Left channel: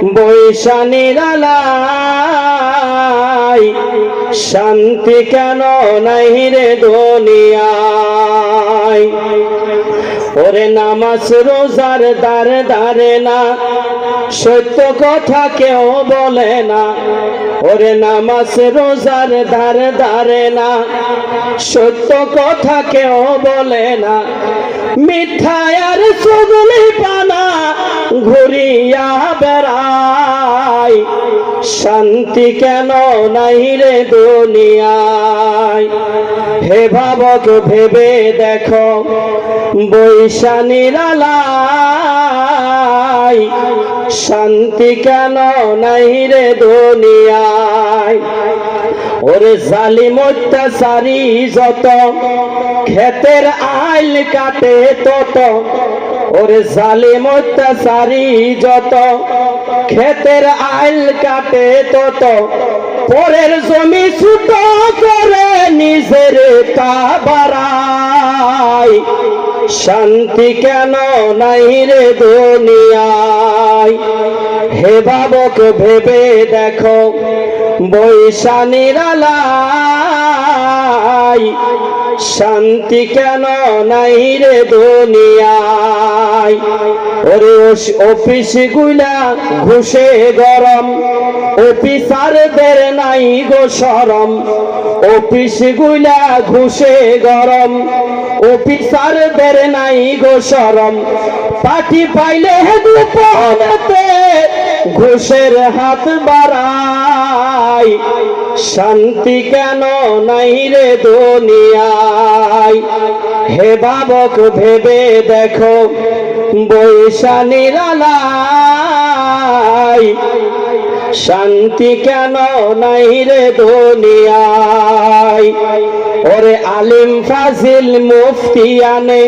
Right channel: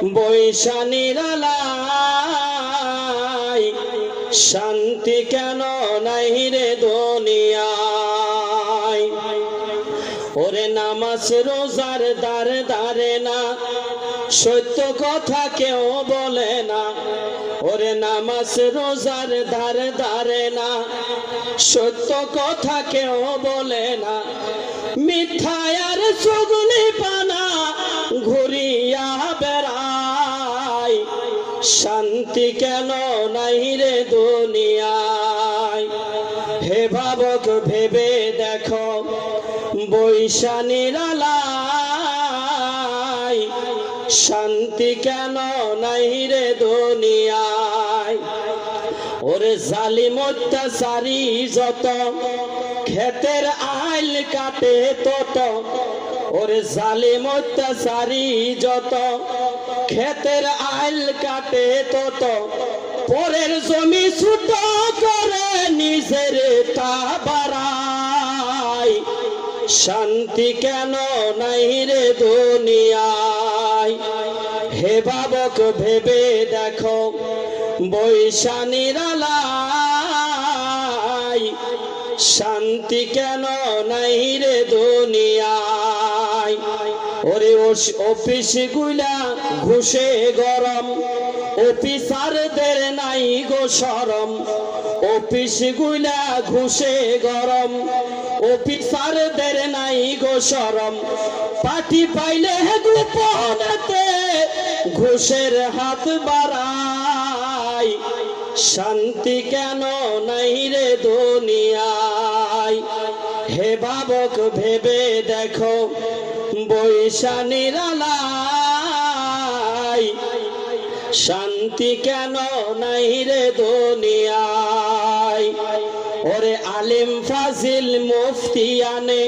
বৈশা নিরালাই শান্তি কেন নাই রে দুনিয়ায়। ওরে নামাজ রোজার দারে দারে না, সত্য কথা কেউ বলে না। ওরে নামাজ রোজার ধারে ধারে না, সত্য কথা কেউ বলে না। মিথ্যার চুগলি পানা ঘুরিয়া বেড়ায়, শান্তি কেন নাই রে দুনিয়ায়। হে ভাবক ভেবে দেখো, বৈশা নিরালাই শান্তি কেন নাই রে দুনিয়ায়। ওরে জালিম অত্যাচারী যত, ক্ষেতের আইল কাটে তত। ওরে জালিম অত্যাচারী যত, ক্ষেতের আইল কাটে তত। পরের জমি ছুট করে নিজের তা বাড়ায়, শান্তি কেন নাই রে দুনিয়ায়। হে ভাবক ভেবে দেখো, বৈশা নিরালাই শান্তি কেন নাই রে দুনিয়ায়। ওরে অফিস গুলা ঘুষে গরম, অফিসারদের নাই গো শরম। অফিস গুলা ঘুষে গরম, অফিসারদের নাই গো শরম। পার্টি পাইলে গোপনেতে ঘুষের হাত বাড়ায়, শান্তি কেন নাই রে দুনিয়ায়। হে ভাবক ভেবে দেখো, বৈশা নিরালাই শান্তি কেন নাই রে দুনিয়ায়। ওরে আলিম ফাজিল মুফতি আনে,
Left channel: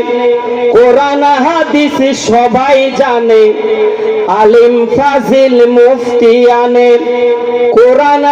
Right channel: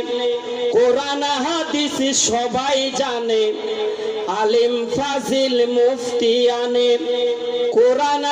কোরআন হাদিস সবাই জানে। আলিম ফাজিল মুফতি আনে, কোরআন